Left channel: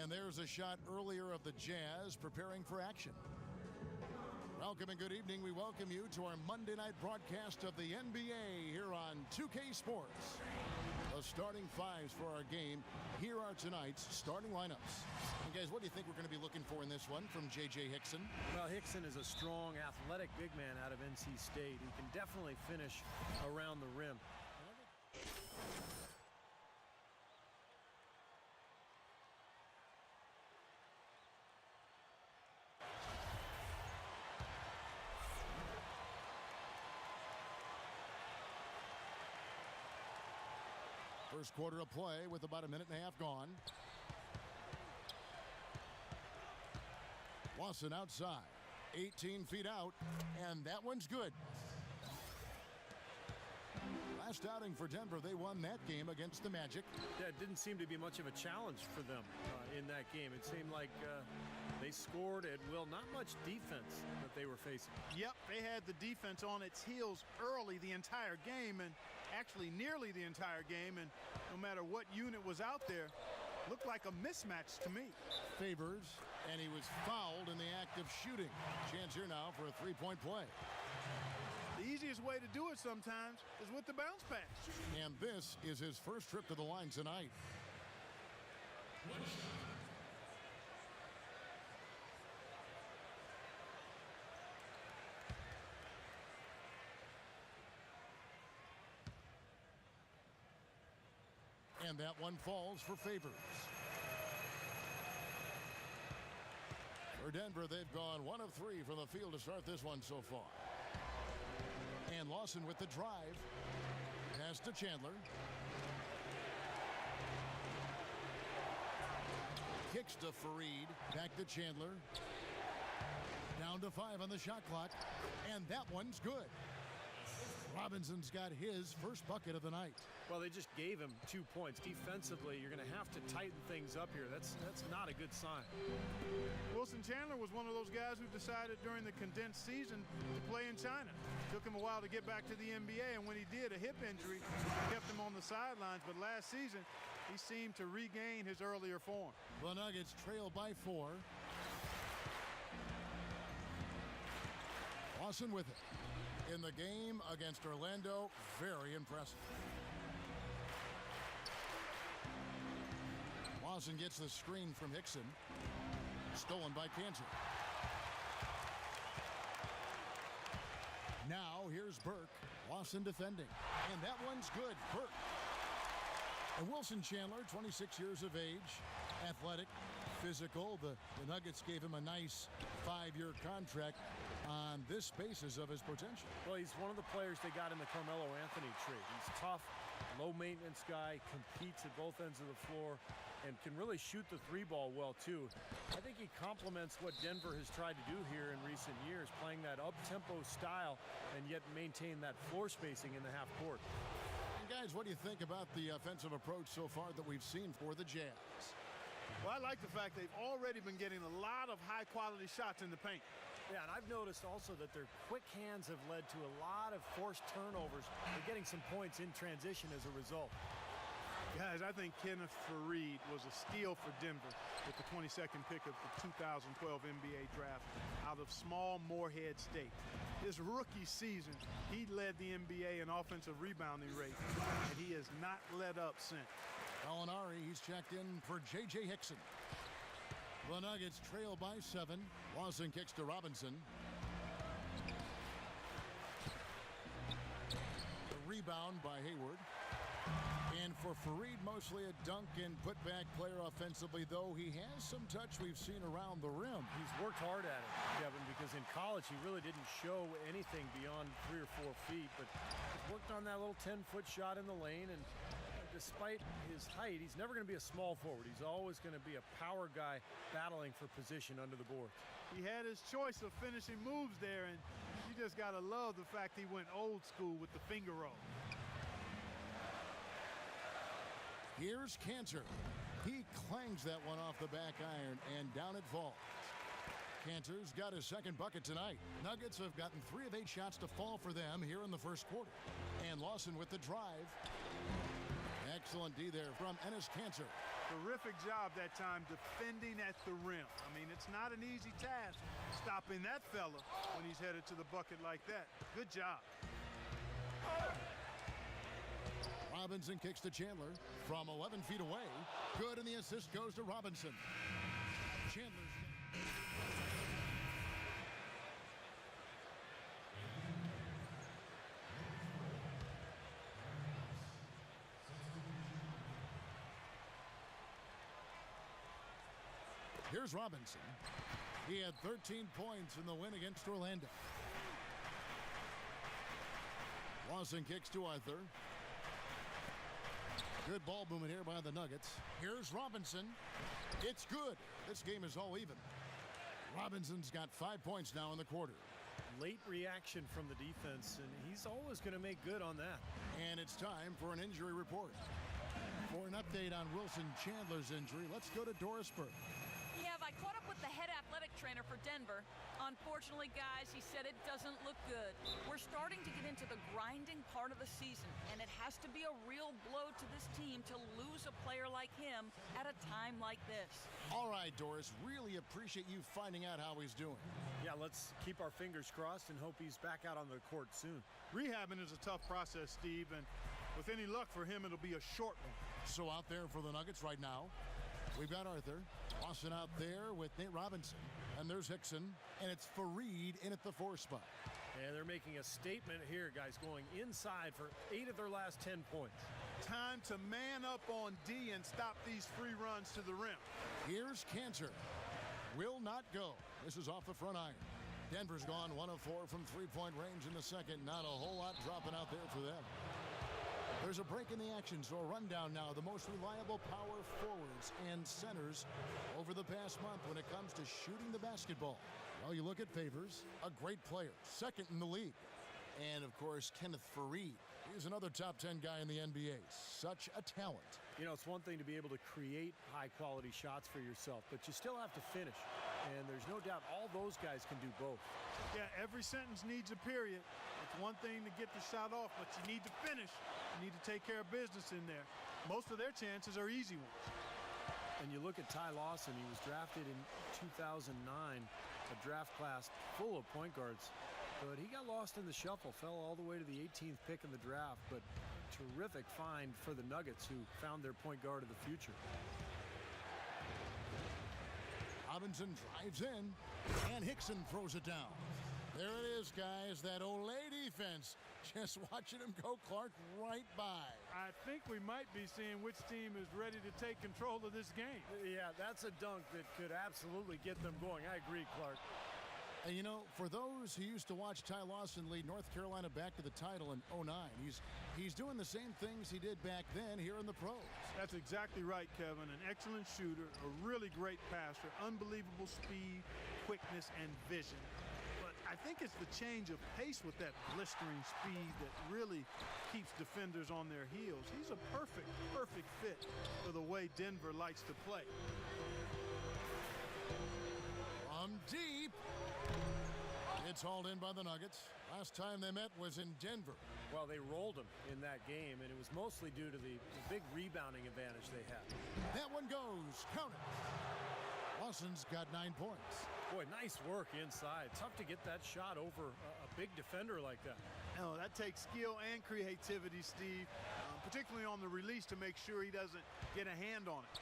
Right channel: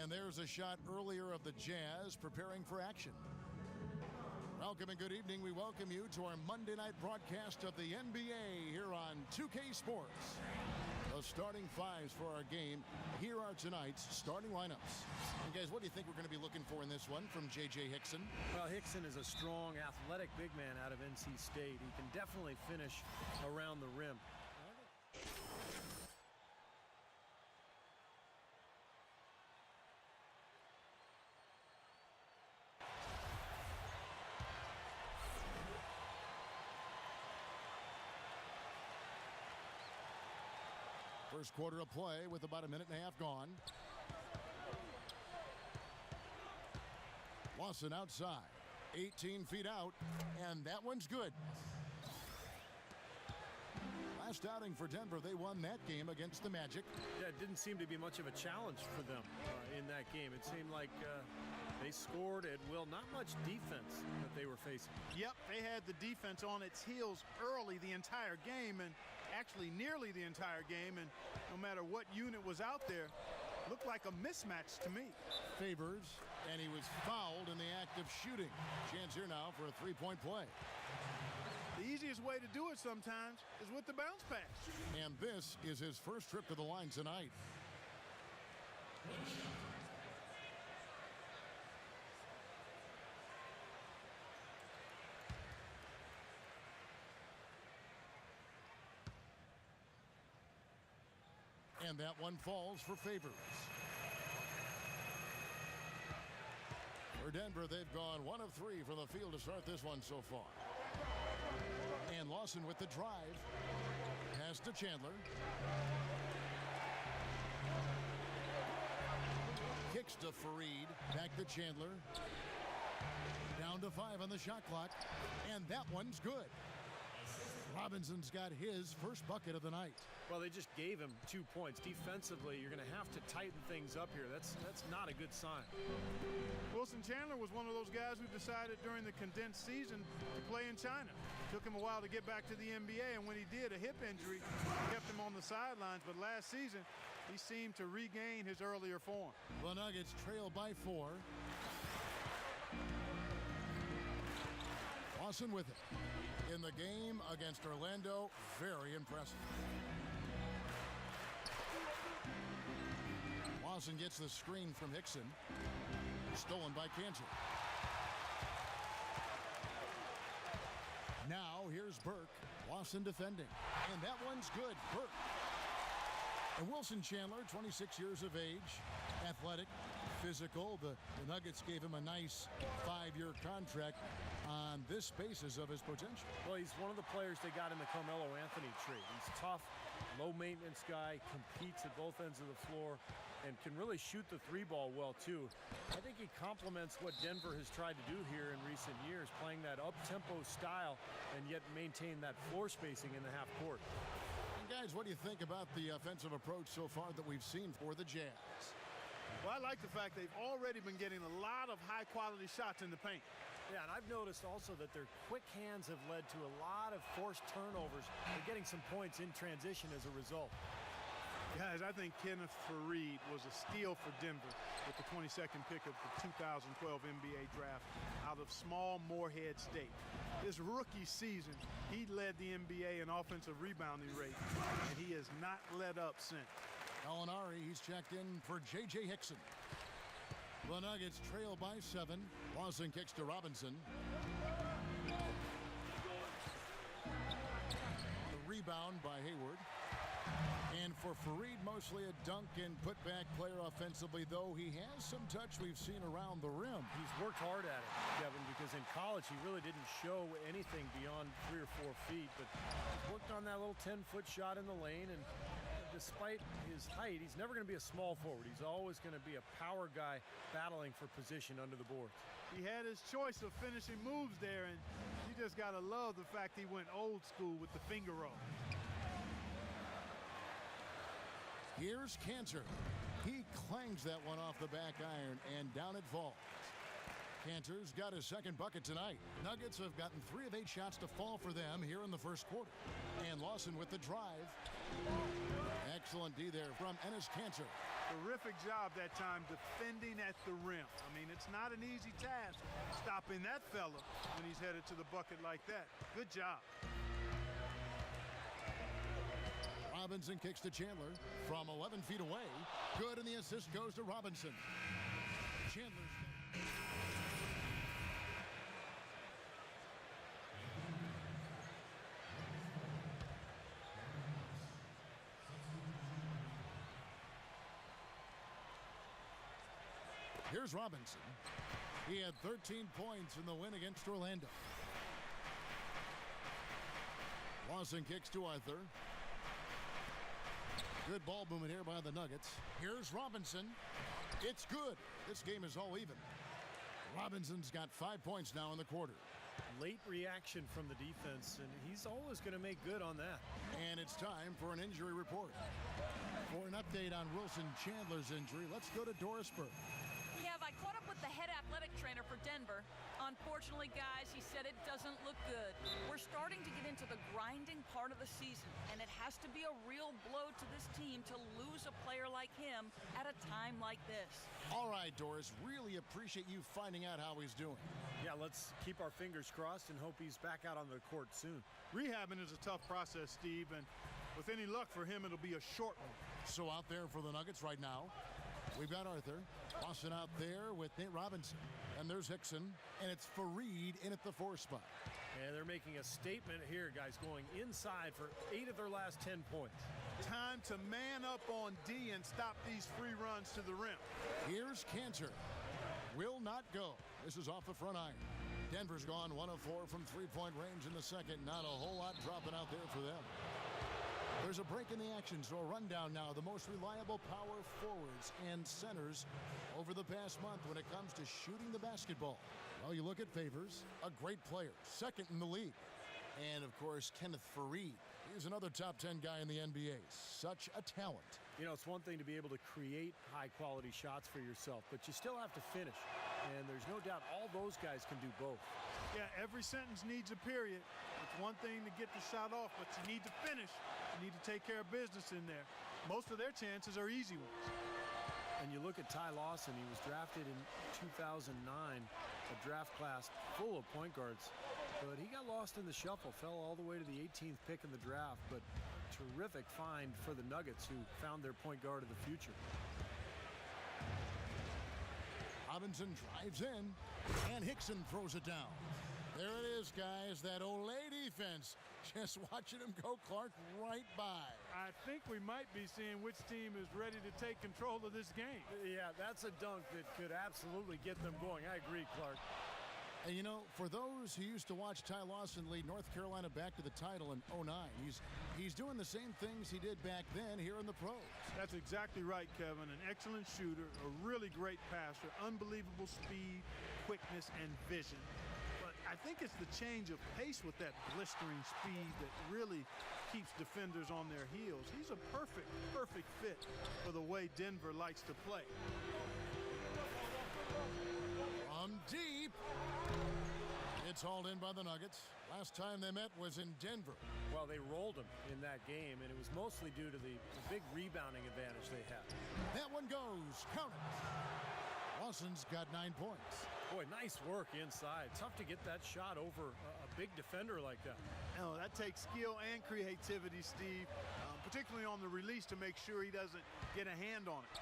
And there's a shot earlier of the Jazz preparing for action. Welcome and good evening. We welcome you to our Monday night broadcast of the NBA here on 2K Sports. The starting fives for our game. Here are tonight's starting lineups. And guys, what do you think we're going to be looking for in this one from J.J. Hickson? Well, Hickson is a strong, athletic big man out of NC State. He can definitely finish around the rim. And I think first quarter of play with about a minute and a half gone. Lawson outside, 18 feet out, and that one's good. Last outing for Denver, they won that game against the Magic. yeah, it didn't seem to be much of a challenge for them in that game. It seemed like they scored at will. Not much defense that they were facing. Yep, they had the defense on its heels early the entire game, and actually nearly the entire game, and no matter what unit was out there, looked like a mismatch to me. Favors, and he was fouled in the act of shooting. Chance here now for a three-point play. The easiest way to do it sometimes is with the bounce pass. And this is his first trip to the line tonight. And that one falls for Favors. For Denver, they've gone 1 of 3 from the field to start this one so far. And Lawson with the drive. Pass to Chandler. Kicks to Faried. Back to Chandler. Down to 5 on the shot clock. And that one's good. Robinson's got his first bucket of the night. Well, they just gave him 2 points. Defensively, you're going to have to tighten things up here. That's not a good sign. Wilson Chandler was one of those guys who decided during the condensed season to play in China. Took him a while to get back to the NBA, and when he did, a hip injury kept him on the sidelines. But last season, he seemed to regain his earlier form. The Nuggets trail by 4. Lawson with it. In the game against Orlando, very impressive. Lawson gets the screen from Hickson. Stolen by Cantor. Now here's Burke. Lawson defending. And that one's good. Burke. And Wilson Chandler, 26 years of age, athletic, physical. The Nuggets gave him a nice 5-year contract on this basis of his potential. Well, he's one of the players they got in the Carmelo Anthony trade. He's tough, low-maintenance guy, competes at both ends of the floor, and can really shoot the 3-ball well, too. I think he complements what Denver has tried to do here in recent years, playing that up-tempo style and yet maintain that floor spacing in the half court. And guys, what do you think about the offensive approach so far that we've seen for the Jazz? Well, I like the fact they've already been getting a lot of high-quality shots in the paint. Yeah, and I've noticed also that their quick hands have led to a lot of forced turnovers. They're getting some points in transition as a result. Guys, I think Kenneth Faried was a steal for Denver with the 22nd pick of the 2012 NBA draft out of small Morehead State. His rookie season, he led the NBA in offensive rebounding rate, and he has not let up since. Gallinari, he's checked in for J.J. Hickson. The Nuggets trail by 7. Lawson kicks to Robinson. The rebound by Hayward. And for Faried, mostly a dunk and put-back player offensively, though he has some touch we've seen around the rim. He's worked hard at it, Kevin, because in college he really didn't show anything beyond 3 or 4 feet, but he's worked on that little 10-foot shot in the lane, and despite his height, he's never going to be a small forward. He's always going to be a power guy battling for position under the boards. He had his choice of finishing moves there, and you just got to love the fact he went old school with the finger roll. Here's Cantor. He clangs that one off the back iron, and down it falls. Cantor's got his second bucket tonight. Nuggets have gotten 3 of 8 shots to fall for them here in the first quarter. And Lawson with the drive. Excellent D there from Enes Kanter. Terrific job that time defending at the rim. I mean, it's not an easy task stopping that fella when he's headed to the bucket like that. Good job. Robinson kicks to Chandler from 11 feet away. Good, and the assist goes to Robinson. Chandler's got... Here's Robinson. He had 13 points in the win against Orlando. Lawson kicks to Arthur. Good ball movement here by the Nuggets. Here's Robinson. It's good. This game is all even. Robinson's got 5 points now in the quarter. Late reaction from the defense, and he's always going to make good on that. And it's time for an injury report. For an update on Wilson Chandler's injury, let's go to Doris Burke. Kev, I caught up with the head athletic trainer for Denver. Unfortunately, guys, he said it doesn't look good. We're starting to get into the grinding part of the season, and it has to be a real blow to this team to lose a player like him at a time like this. All right, Doris, really appreciate you finding out how he's doing. Yeah, let's keep our fingers crossed and hope he's back out on the court soon. Rehabbing is a tough process, Steve, and with any luck for him, it'll be a short one. So out there for the Nuggets right now, we've got Arthur. Lawson out there with Nate Robinson. And there's Hickson. And it's Fareed in at the 4 spot. And they're making a statement here, guys, going inside for 8 of their last 10 points. Time to man up on D and stop these free runs to the rim. Here's Cantor. Will not go. This is off the front iron. Denver's gone 1 of 4 from three-point range in the second. Not a whole lot dropping out there for them. There's a break in the action, so a rundown now. The most reliable power forwards and centers over the past month when it comes to shooting the basketball. Well, you look at Favors, a great player, second in the league. And, of course, Kenneth Fareed. He's another top 10 guy in the NBA. Such a talent. You know, it's one thing to be able to create high-quality shots for yourself, but you still have to finish. And there's no doubt all those guys can do both. Yeah, every sentence needs a period. It's one thing to get the shot off, but you need to finish. You need to take care of business in there. Most of their chances are easy ones. And you look at Ty Lawson, he was drafted in 2009, a draft class full of point guards. But he got lost in the shuffle, fell all the way to the 18th pick in the draft. But a terrific find for the Nuggets, who found their point guard of the future. Robinson drives in, and Hickson throws it down. There it is, guys, that Olay defense. Just watching him go, Clark, right by. I think we might be seeing which team is ready to take control of this game. Yeah, that's a dunk that could absolutely get them going. I agree, Clark. And, you know, for those who used to watch Ty Lawson lead North Carolina back to the title in '09, he's doing the same things he did back then here in the pros. That's exactly right, Kevin. An excellent shooter, a really great passer, unbelievable speed, quickness, and vision. But I think it's the change of pace with that blistering speed that really keeps defenders on their heels. He's a perfect fit for the way Denver likes to play. From deep. It's hauled in by the Nuggets. Last time they met was in Denver. Well, they rolled them in that game, and it was mostly due to the big rebounding advantage they had. That one goes. Count it. Lawson's got 9 points. Boy, nice work inside. Tough to get that shot over a big defender like that. No, that takes skill and creativity, Steve, particularly on the release to make sure he doesn't get a hand on it.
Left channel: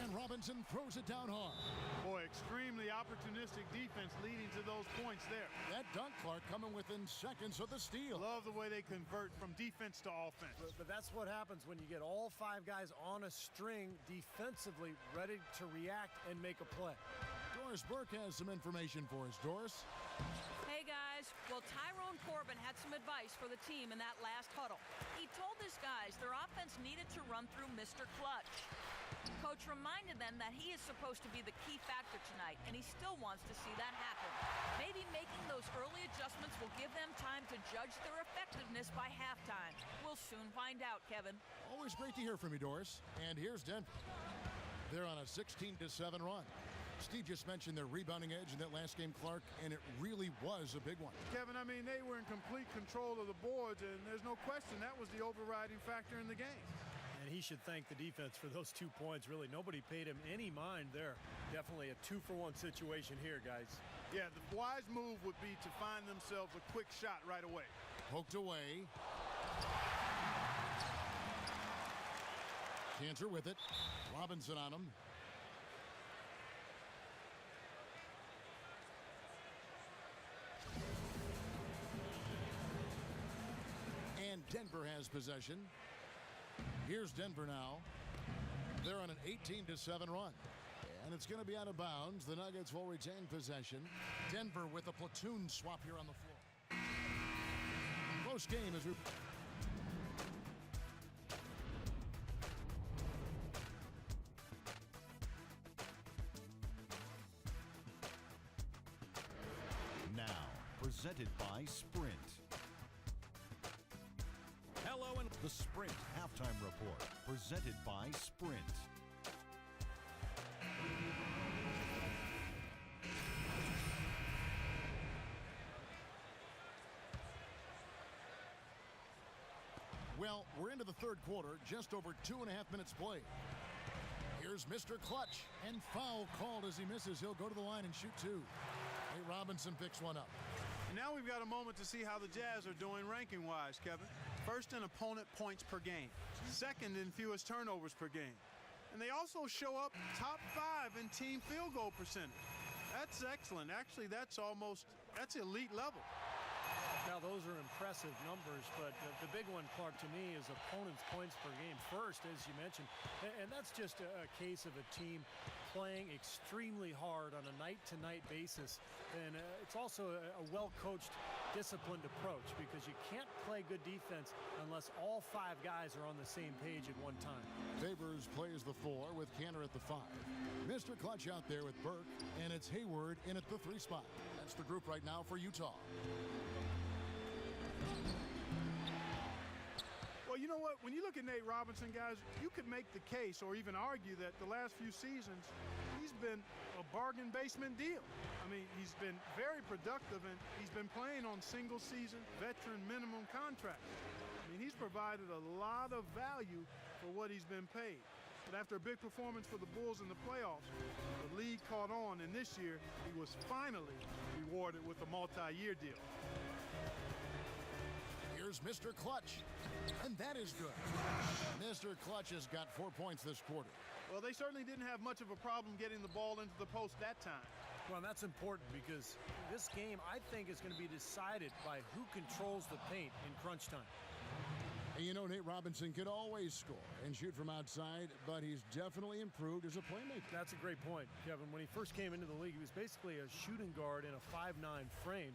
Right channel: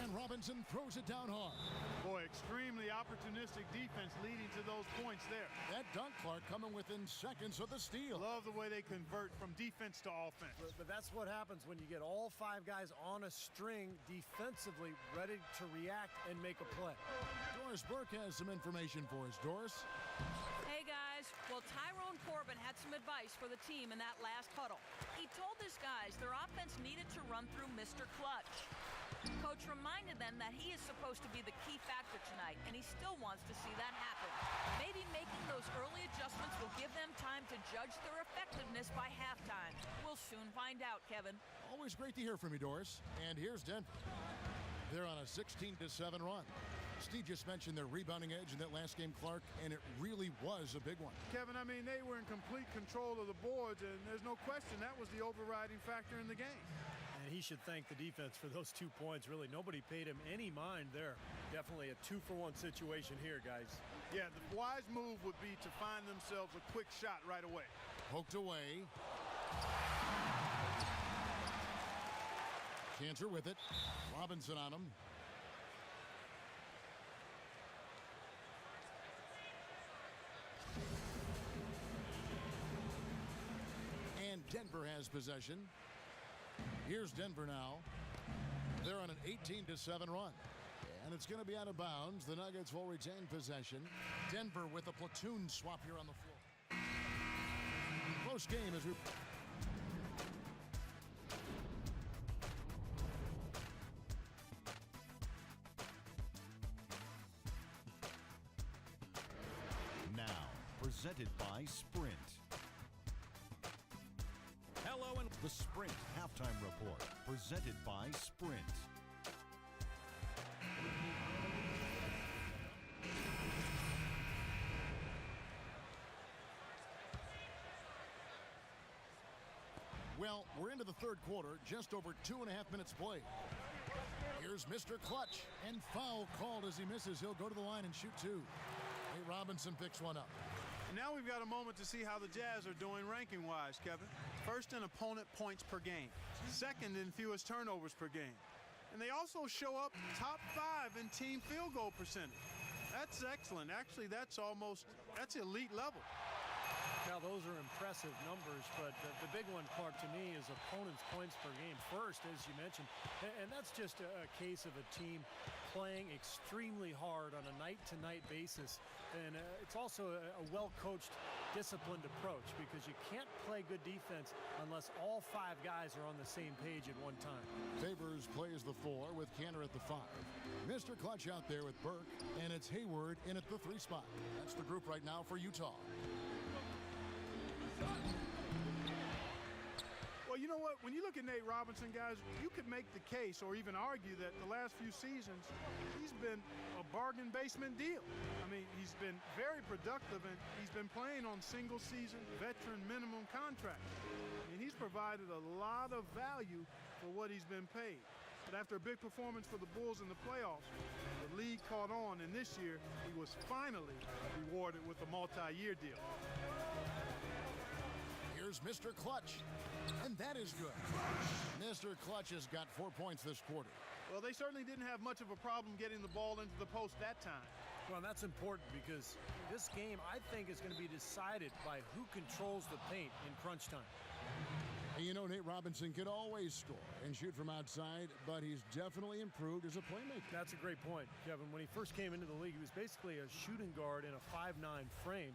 And Robinson throws it down hard. Boy, extremely opportunistic defense leading to those points there. That dunk, Clark, coming within seconds of the steal. Love the way they convert from defense to offense. But that's what happens when you get all 5 guys on a string defensively ready to react and make a play. Doris Burke has some information for us. Doris? Hey, guys. Well, Tyrone Corbin had some advice for the team in that last huddle. He told his guys their offense needed to run through Mr. Clutch. Coach reminded them that he is supposed to be the key factor tonight, and he still wants to see that happen. Maybe making those early adjustments will give them time to judge their effectiveness by halftime. We'll soon find out, Kevin. Always great to hear from you, Doris. And here's Denver. They're on a 16-7 run. Steve just mentioned their rebounding edge in that last game, Clark, and it really was a big one. Kevin, I mean, they were in complete control of the boards, and there's no question that was the overriding factor in the game. And he should thank the defense for those 2 points. Really, nobody paid him any mind there. Definitely a 2-for-1 situation here, guys. Yeah, the wise move would be to find themselves a quick shot right away. Poked away. Cantor with it. Robinson on him. And Denver has possession. Here's Denver now. They're on an 18-7 run. And it's going to be out of bounds. The Nuggets will retain possession. Denver with a platoon swap here on the floor. Close game as we... Now, presented by Sprint. Hello and the Sprint Halftime Report, presented by Sprint. Well, we're into the third quarter, just over 2.5 minutes played. Here's Mr. Clutch, and foul called as he misses. He'll go to the line and shoot two. Nate Robinson picks one up. And now we've got a moment to see how the Jazz are doing ranking-wise, Kevin. First in opponent points per game. Second in fewest turnovers per game. And they also show up top 5 in team field goal percentage. That's excellent. Actually, that's elite level. Now, those are impressive numbers, but the big one, Clark, to me, is opponents' points per game first, as you mentioned. And that's just a case of a team playing extremely hard on a night-to-night basis. And it's also a well-coached, disciplined approach, because you can't play good defense unless all 5 guys are on the same page at one time. Favors plays the 4 with Cantor at the 5. Mr. Clutch out there with Burke, and it's Hayward in at the 3 spot. That's the group right now for Utah. Well, you know what? When you look at Nate Robinson, guys, you could make the case or even argue that the last few seasons, he's been a bargain basement deal. I mean, he's been very productive, and he's been playing on single-season veteran minimum contracts. I mean, he's provided a lot of value for what he's been paid. But after a big performance for the Bulls in the playoffs, the league caught on, and this year he was finally rewarded with a multi-year deal. Here's Mr. Clutch, and that is good. Mr. Clutch has got 4 points this quarter. Well, they certainly didn't have much of a problem getting the ball into the post that time. Well, that's important because this game, I think, is going to be decided by who controls the paint in crunch time. And you know, Nate Robinson could always score and shoot from outside, but he's definitely improved as a playmaker. That's a great point, Kevin. When he first came into the league, he was basically a shooting guard in a 5'9" frame.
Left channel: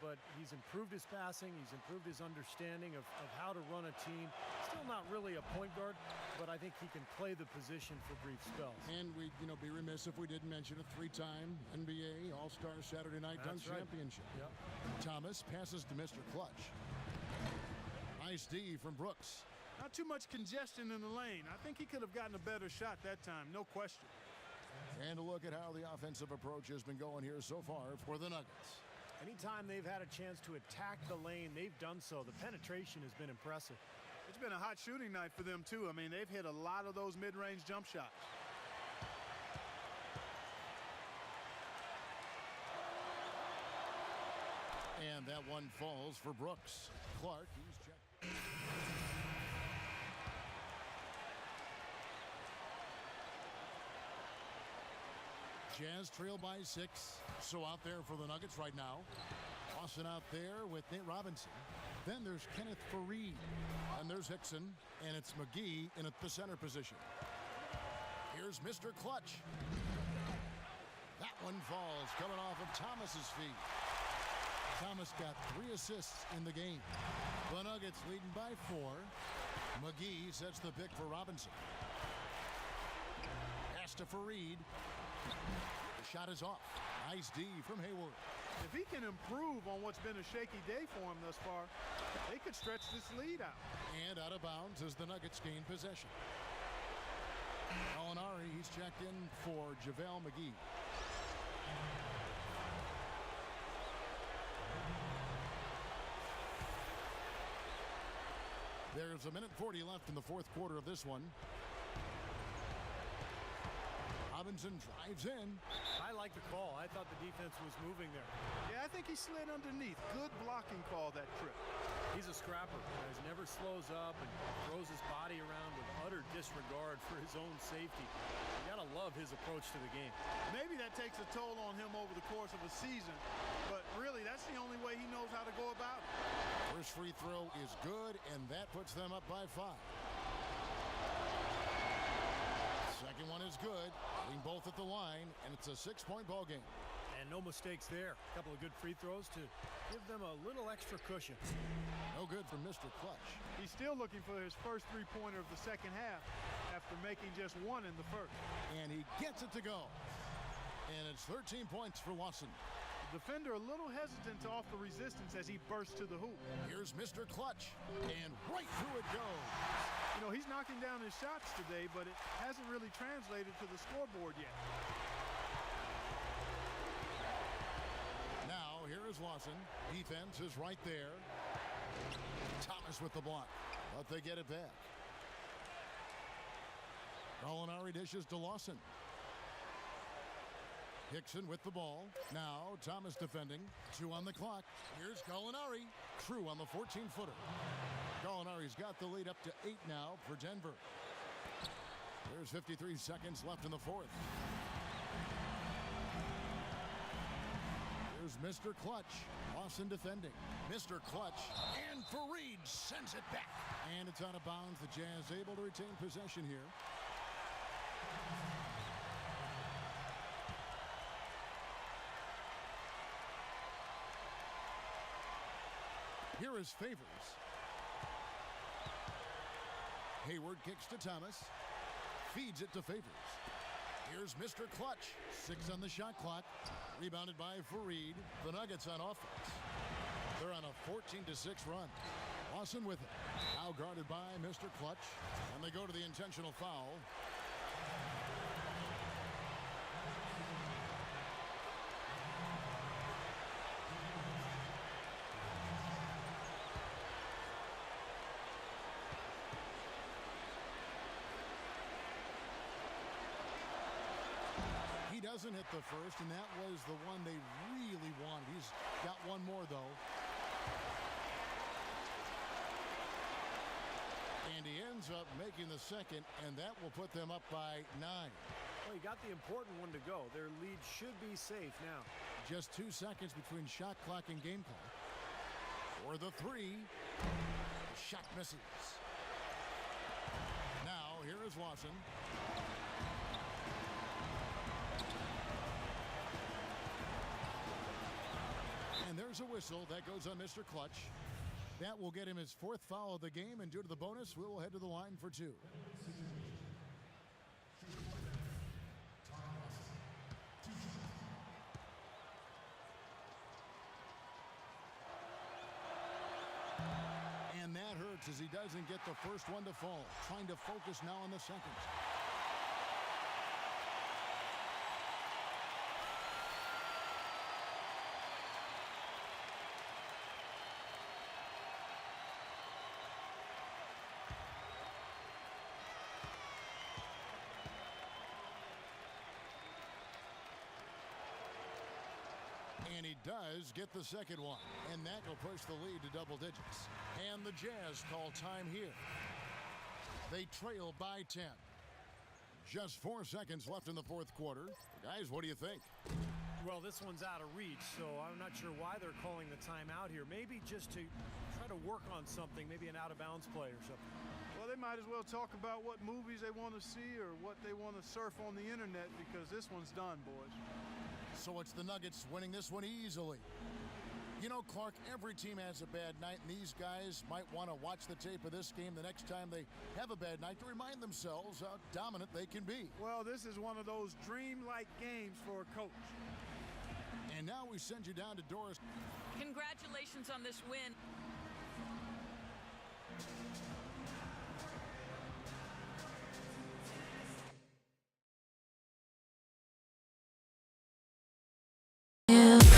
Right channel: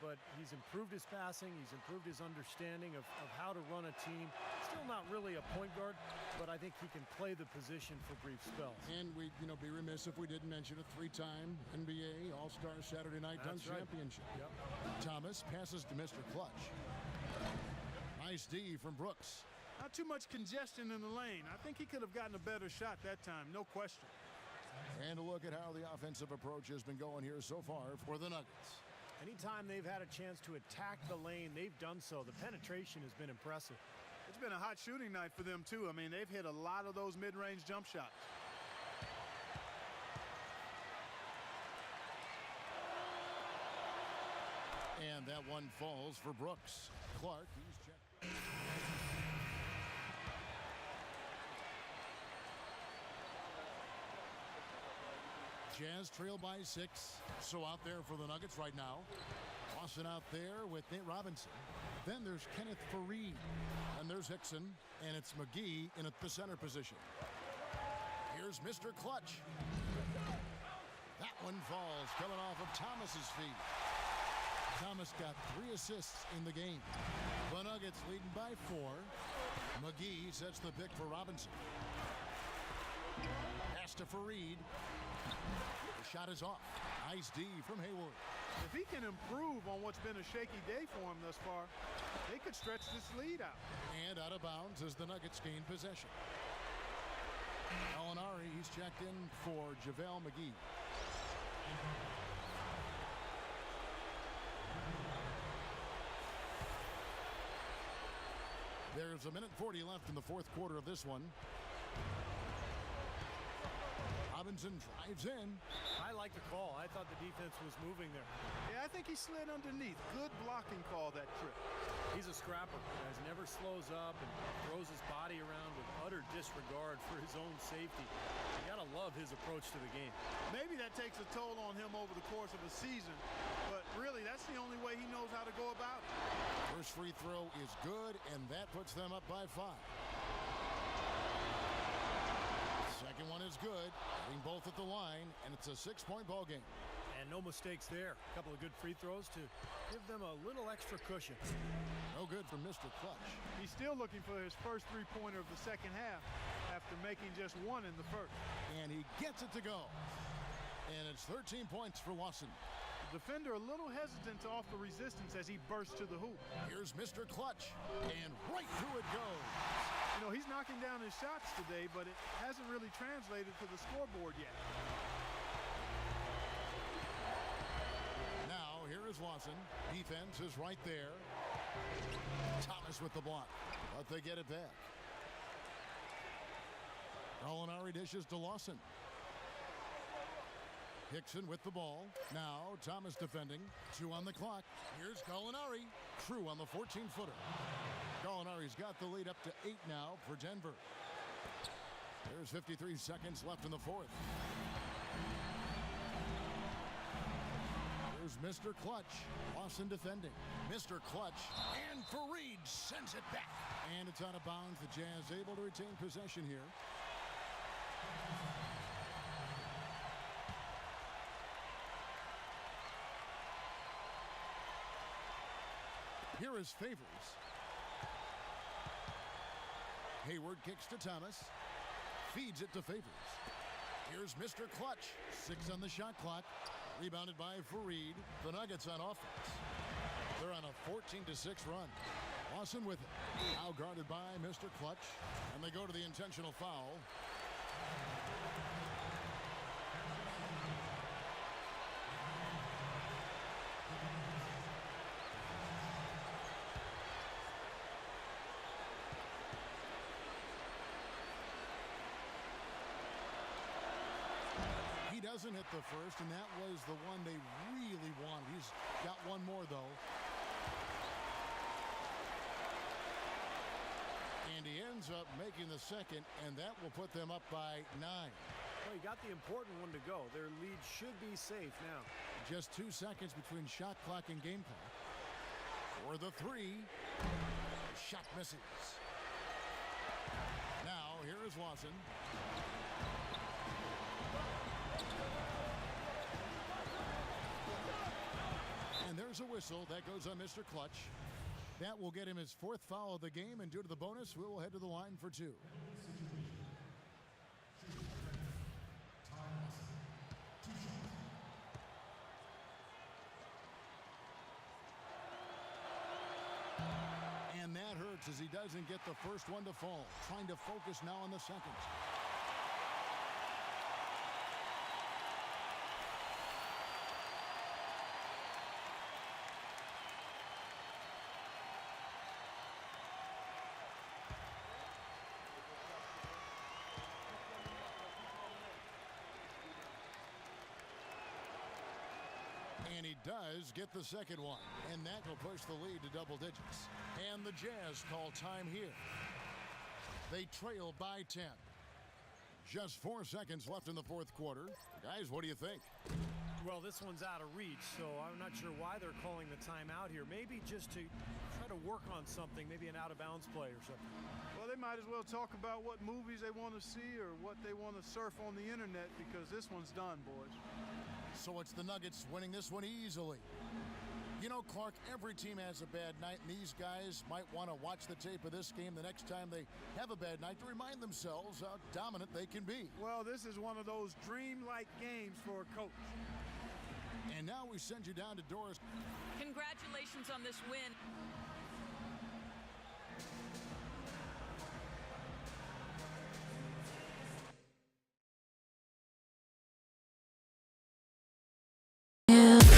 But he's improved his passing, he's improved his understanding of how to run a team. Still not really a point guard, but I think he can play the position for brief spells. And we'd be remiss if we didn't mention a 3-time NBA All-Star Saturday Night Dunk Championship. Yep. Thomas passes to Mr. Clutch. Nice D from Brooks. Not too much congestion in the lane. I think he could have gotten a better shot that time, no question. And a look at how the offensive approach has been going here so far for the Nuggets. Anytime they've had a chance to attack the lane, they've done so. The penetration has been impressive. It's been a hot shooting night for them, too. I mean, they've hit a lot of those mid-range jump shots. And that one falls for Brooks. Clark, he's checked. Jazz trail by 6. So out there for the Nuggets right now. Austin out there with Nate Robinson. Then there's Kenneth Faried. And there's Hickson. And it's McGee in at the center position. Here's Mr. Clutch. That one falls coming off of Thomas's feet. Thomas got 3 assists in the game. The Nuggets leading by 4. McGee sets the pick for Robinson. Pass to Faried. The shot is off. Nice D from Hayward. If he can improve on what's been a shaky day for him thus far, they could stretch this lead out. And out of bounds as the Nuggets gain possession. Alinari, he's checked in for JaVale McGee. There's 1:40 left in the fourth quarter of this one. Robinson drives in. I like the call. I thought the defense was moving there. Yeah, I think he slid underneath. Good blocking call that trip. He's a scrapper. Guys, never slows up and throws his body around with utter disregard for his own safety. You gotta love his approach to the game. Maybe that takes a toll on him over the course of a season, but really that's the only way he knows how to go about it. First free throw is good, and that puts them up by 5. Second one is good. Hitting both at the line, and it's a 6-point ball game. And no mistakes there. A couple of good free throws to give them a little extra cushion. No good for Mr. Clutch. He's still looking for his first three-pointer of the second half after making just one in the first. And he gets it to go. And it's 13 points for Lawson. The defender a little hesitant to offer resistance as he bursts to the hoop. Here's Mr. Clutch, and right through it goes. You know, he's knocking down his shots today, but it hasn't really translated to the scoreboard yet. Now, here is Lawson. Defense is right there. Thomas with the block, but they get it back. Gallinari dishes to Lawson. Hickson with the ball. Now, Thomas defending. 2 on the clock. Here's Gallinari. Crew on the 14-footer. Gallinari's got the lead up to 8 now for Denver. There's 53 seconds left in the fourth. Here's Mr. Clutch. Lawson defending. Mr. Clutch. And Fareed sends it back. And it's out of bounds. The Jazz able to retain possession here. Here is Favors. Hayward kicks to Thomas. Feeds it to Favors. Here's Mr. Clutch. 6 on the shot clock. Rebounded by Fareed. The Nuggets on offense. They're on a 14-6 run. Lawson with it. Now guarded by Mr. Clutch. And they go to the intentional foul. He doesn't hit the first, and that was the one they really wanted. He's got one more, though. And he ends up making the second, and that will put them up by 9. Well, he got the important one to go. Their lead should be safe now. Just 2 seconds between shot clock and game clock. For the 3. The shot misses. Now, here is Lawson. And there's a whistle. That goes on Mr. Clutch. That will get him his 4th foul of the game, and due to the bonus, we will head to the line for 2. And that hurts as he doesn't get the first one to fall. Trying to focus now on the second. And he does get the second one. And that will push the lead to double digits. And the Jazz call time here. They trail by 10. Just 4 seconds left in the fourth quarter. Guys, what do you think? Well, this one's out of reach, so I'm not sure why they're calling the timeout here. Maybe just to try to work on something, maybe an out-of-bounds play or something. Well, they might as well talk about what movies they want to see or what they want to surf on the internet, because this one's done, boys. So it's the Nuggets winning this one easily. You know, Clark, every team has a bad night, and these guys might want to watch the tape of this game the next time they have a bad night to remind themselves how dominant they can be. Well, this is one of those dream-like games for a coach. And now we send you down to Doris. Congratulations on this win. Yeah.